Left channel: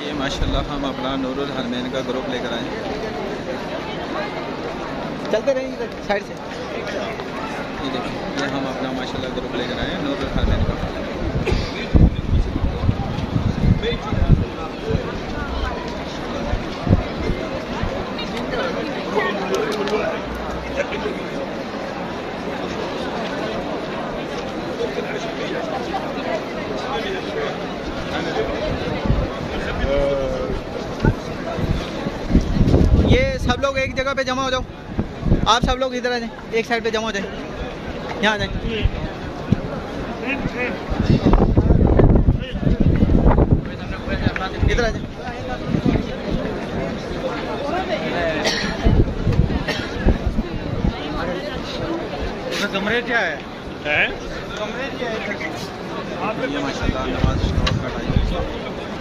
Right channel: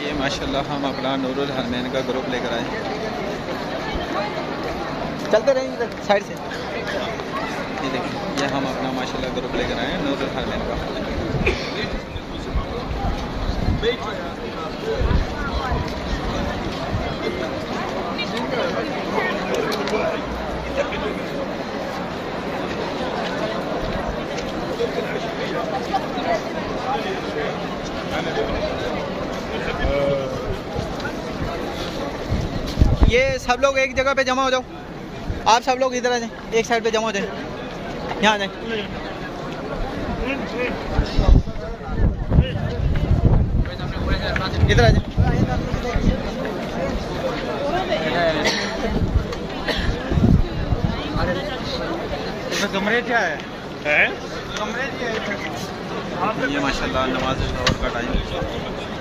ये माशाल्लाह हम अपना नूरुल हरमैन का ग्रुप लेकर आए। चलते रहेंगे साइड से। ये देखिए, ये हम अपना माशाल्लाह ग्रुप लेकर आए हैं नूरुल हरमैन का। ये सब लोग एक जगह पे जमा हो जाओ। आप सब लोग इधर आ जाएं, एक साइड पे जमा हो जाए। यहाँ आ जाए। इधर आ जाए। कमरे क्या है? कमरे क्या है? ये माशाल्लाह नमाज का टाइम है।